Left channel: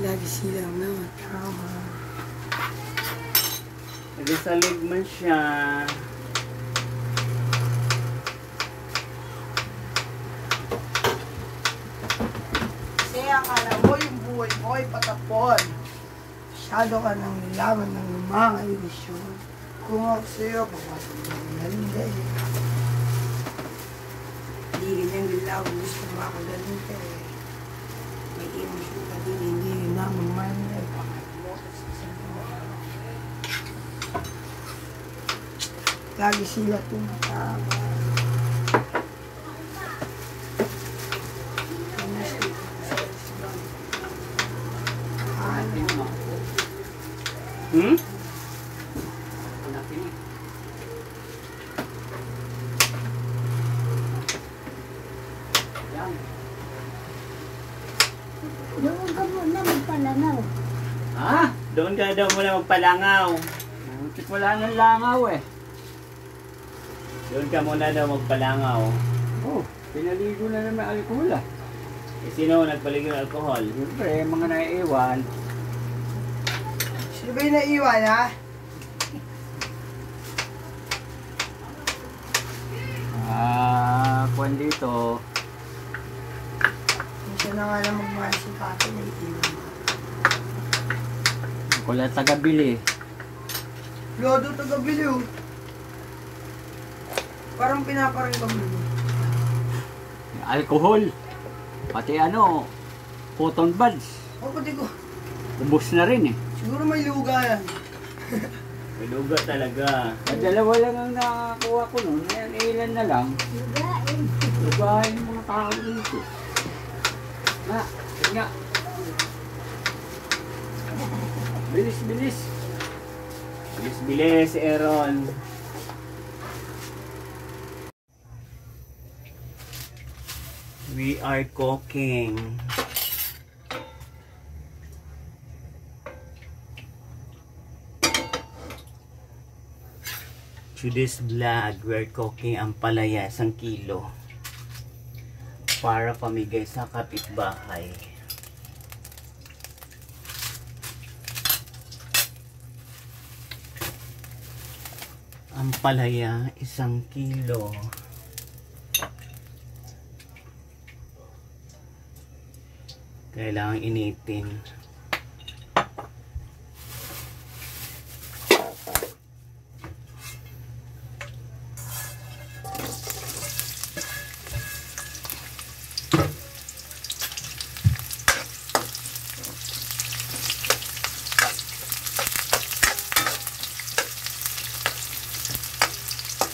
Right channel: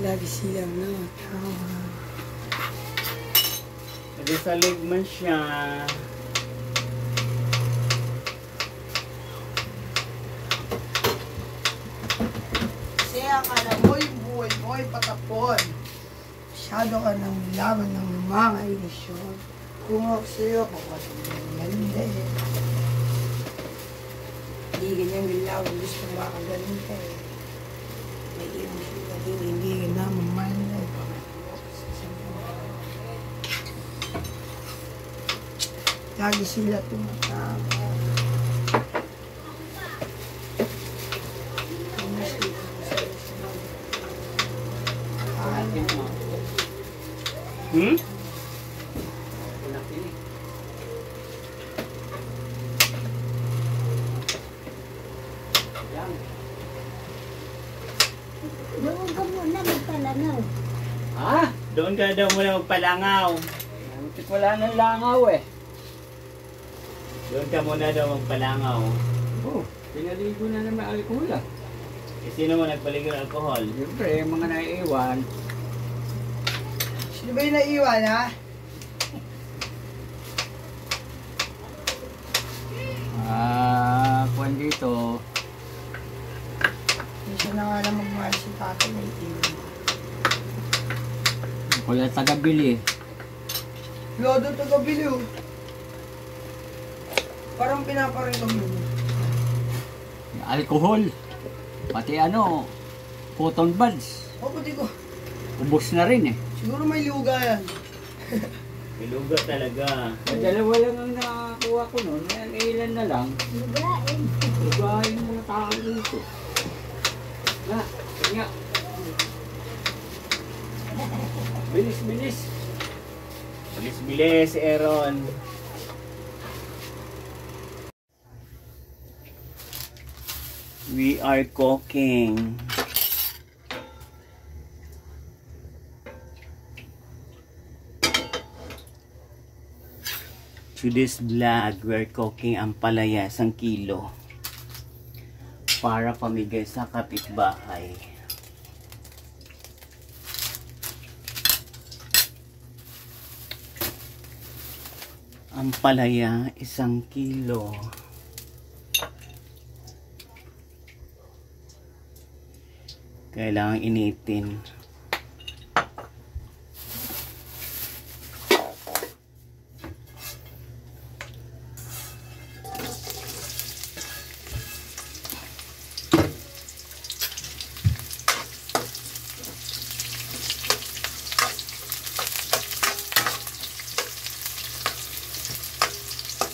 Lagi silang nakatrabaho. Nagasalig man siya. Kasi akala mo yung buhay mo ay patapon. Masyado ka nang nilaman ng mga ilusyon. Kung ako sa'yo, papasok mo ng ganda yan. Hindi ganyang nilaman. Gusto makagaling ka eh. May ilusyon ka din. Hindi ka naman man ay pamagawa sa sa'yo. Lagi sila tumatama. Hmm? Doon ka muna magpalangaw. Ha? Doon ka daw muna magpalangaw. Butik wala nang langaw eh. Doon ka muna daw magpalangaw. Oh, pinaligo na naman alkohol ah. Eh, sino nagpaligo ng alcohol? Siyempre, mga naiiwan. Sino ba yung naiwan ha? Kuwan dito. Hindi siya na nga lang magmahal si Pato na iiwan. Wala taga-bili. Lodo taga-bili oh. Parang pinaparingam mo. Alkohol. Pati ano, cotton buds. O, pati ko. Ubus na rin eh. Siguro may luga yan. May luga talaga. Dalawa lang ang nakakuha ko nun. Ayan, ilan na lang. Lugain. Lugahin yung mga tao dito. Na, nga. Bilis, bilis. Bilis-bilis, Aaron. We are cooking. Today's vlog, we're cooking ampalaya, 1 kilo. Para pamigay sa kapitbahay. Ampalaya, 1 kilo. Kailangan initin.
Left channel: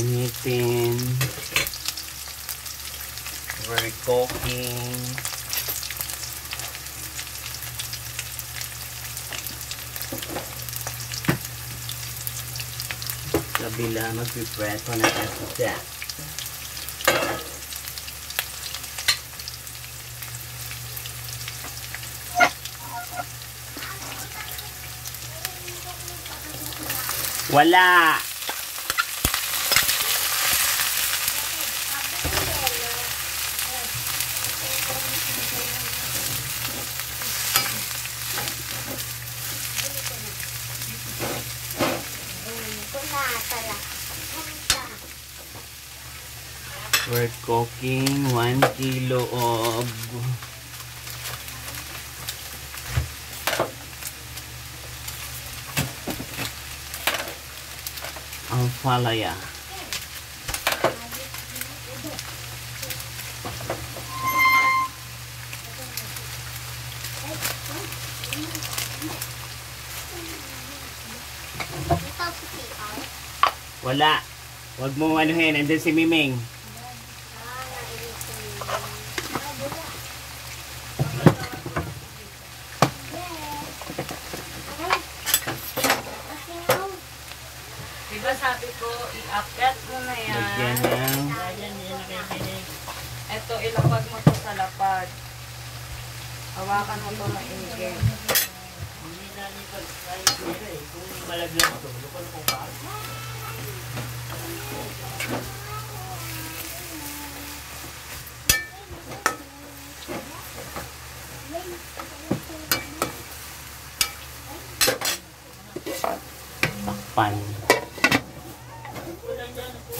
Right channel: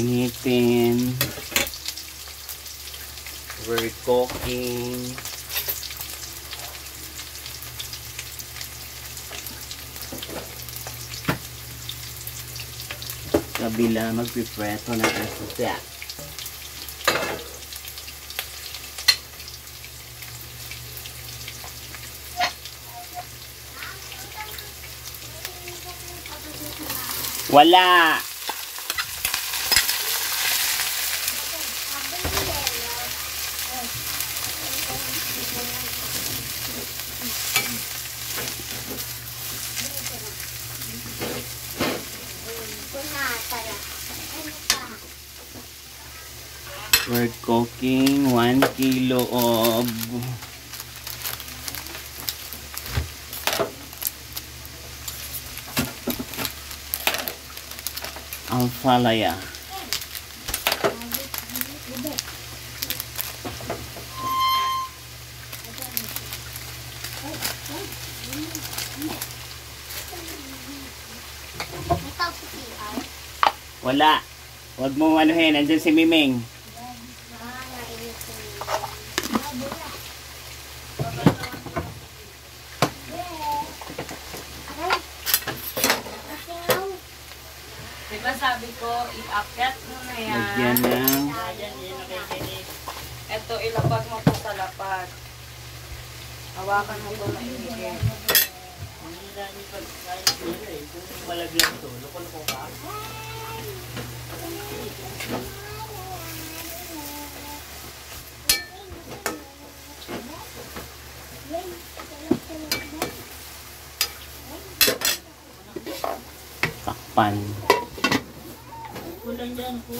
Initin. We're cooking. Kabila magpipreso na kasi. Wala. We're cooking 1 kilo of ampalaya. Wala. Huwag mo anuhin. Andun si Miming. Diba sabi ko, i-akyat mo na yan. Lagyan ng Lagyan yan nakikinig. Ito, ilapag mo to sa lapag. Hawakan mo to maingay. Hindi na ni pag-try kung malagyan mo ito, lukon ko ka. Takpan. Kulang dyan po.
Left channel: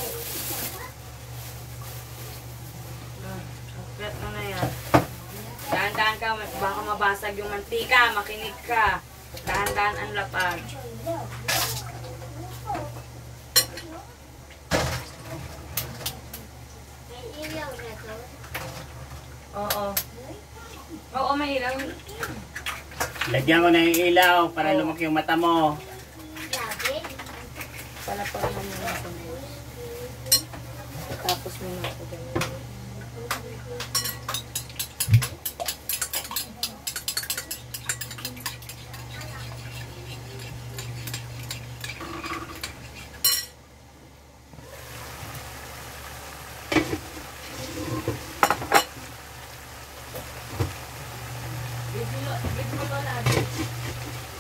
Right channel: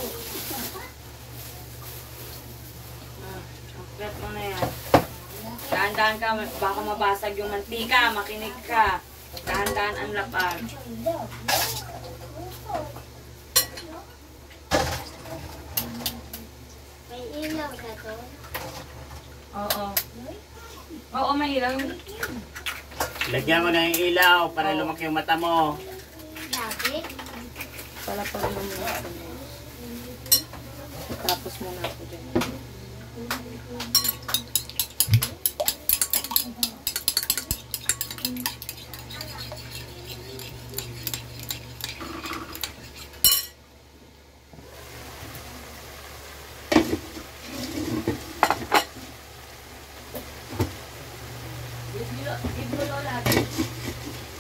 Sukat mo na yan. Dahan-dahan ka, baka mabasag yung mantika, makinig ka. Dahan-dahan ang lapag. May ilaw na to. Oo. Oo, may ilaw. Lagyan ko na yung ilaw para lumaki yung mata mo. Bakit? Palapag mo muna ako. Tapos muna ako dyan.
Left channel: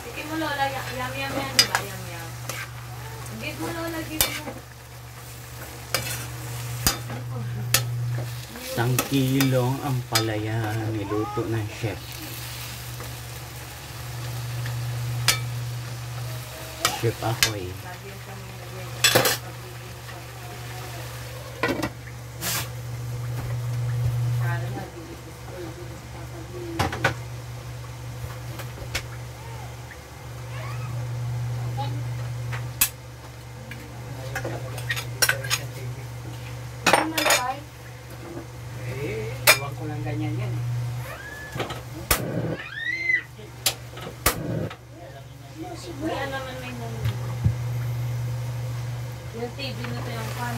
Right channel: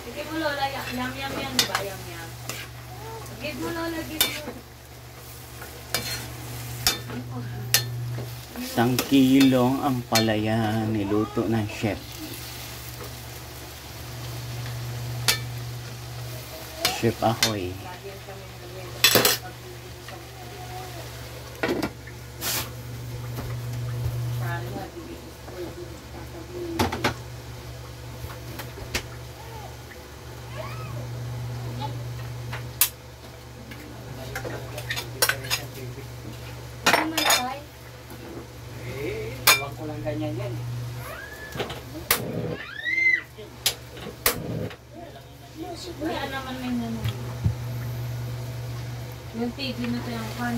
Sige mo Lola, yam yam yan, diba? Yam yam. Gid mo Lola, gid mo. 1 kilong ang palaya niluto ng chef. Chef Ahoy. Iwan ko lang ganyan yan eh. Wala naman may naman. Yung TV na to yung kan.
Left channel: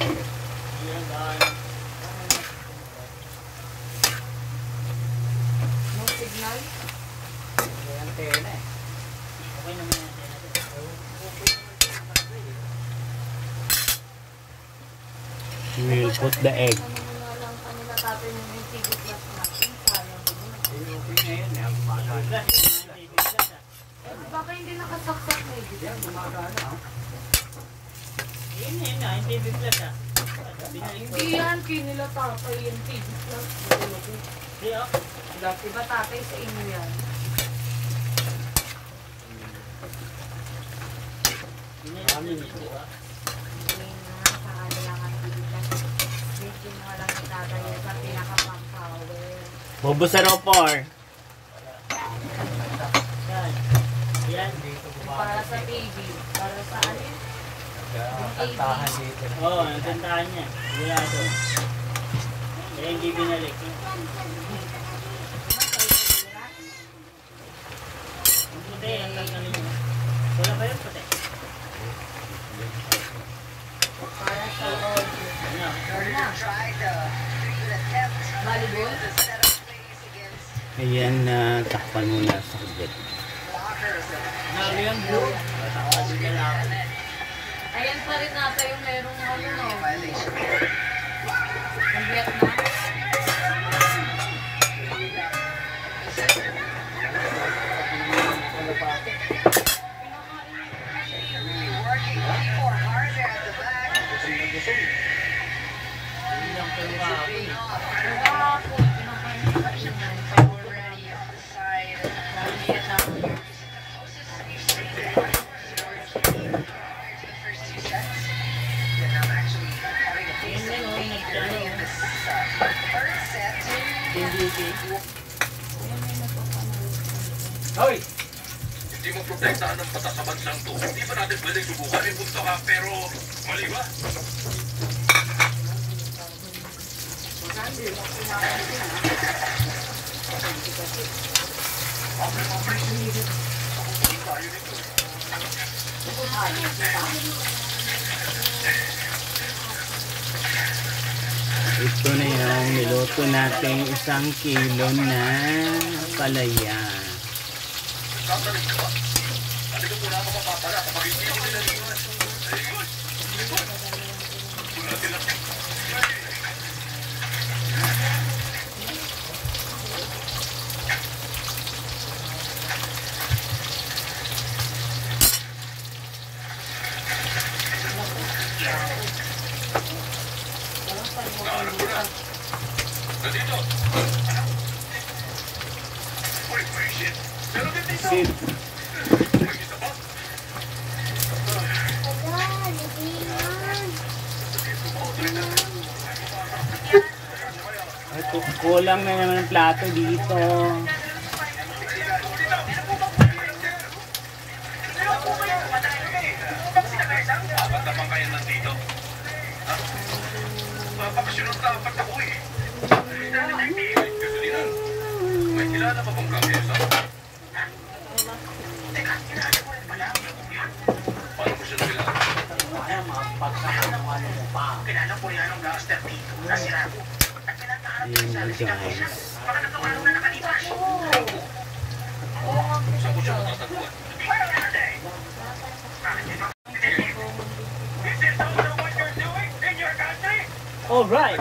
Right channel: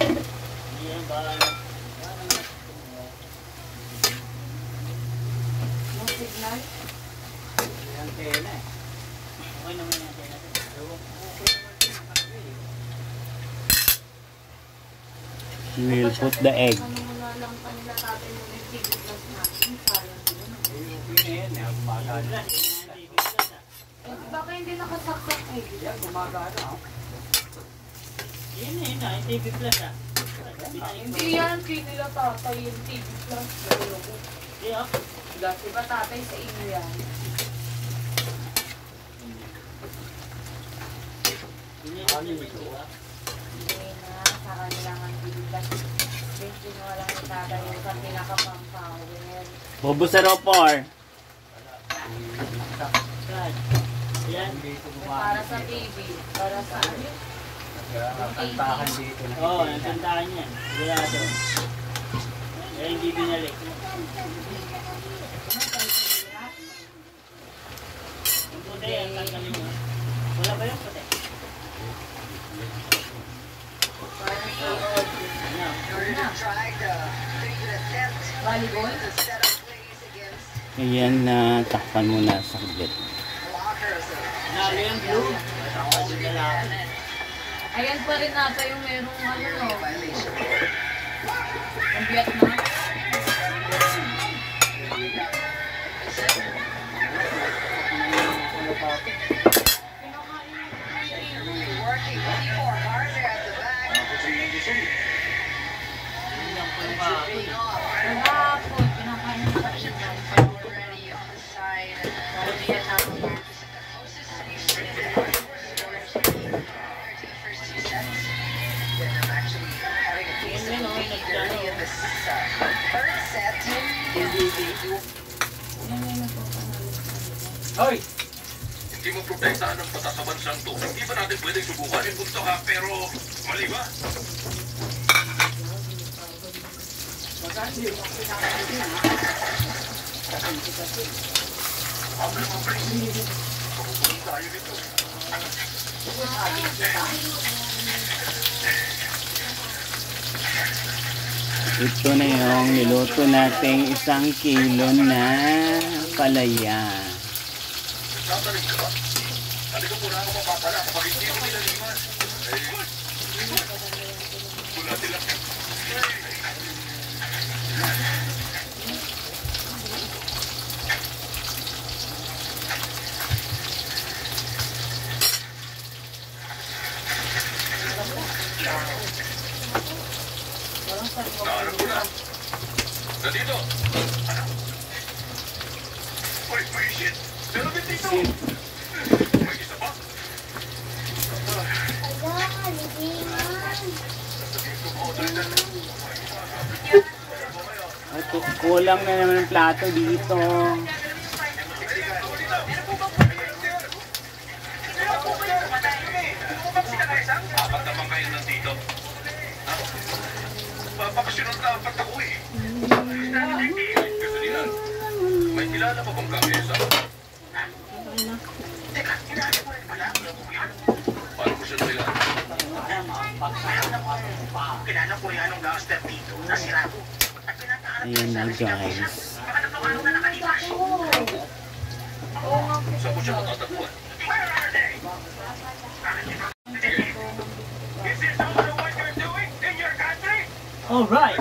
Ayan ba? No signal. Ayan tayo na eh. Okay naman yung natin natin. We'll put the egg. Wala lang kanila tatay yung TV plus natin. Sayang din. Okay na yun eh. Gumagana. Eh, baka hindi nakasaksak eh. Yan, gumagana ah. Yun na yun ah. Yung TV Plus ah. Hindi yan, kinila tatay yung TV plus. Hindi ah. Diba tatay sa inyo yan? Yun na yung TV ah. Hindi na, sa kanila ang TV plus. Hindi na lang tatay sa pinaka-pang-power. Bobo sa ropor. Yan. Para sa baby, para sa ano? Kantahan dito. Oo, ang kantahan niya. Sigurado. Kaya hindi binalik. Ang puti, ang tanggalin mo. Wala ba yung puti? Para sa volleyball? Ayan na, takpan mo na sa saglit. Nalo yung blue. Ako din lalaki. Ayan pa rin natin yung merong ano, no? Ang Vietnam. Kahapon, pinakain ko pa siya. Vietnam. Hoy! Hindi mo protektahan ng batas sa bansang to. Hindi ba natin pwedeng subukan yung mundo ha? Pero, mali ba? Ito na yung niluto nating 1 kilo na palaya. Sasalit ka ba? Halika po na ako mapapala kapag hindi ko pinaliwan. Wala sila. Naano ko na. Nandito. Uy, may shit. Meron din dito. Sit. May isa pa. Kulang na naman ang plato dito. Dapat naman kayo nandito. Mapakasunod dapat ako eh. Ganun. May kilala pa bang kamesa? Teka, kilala ko rin pala. Paano mo siya kilala? Kilala ko yung anong gangster dito. Nasira ko. Ayan na guys. Baka nagkakalong na nakalipas. Saan mo siya matatagpuan? Alright.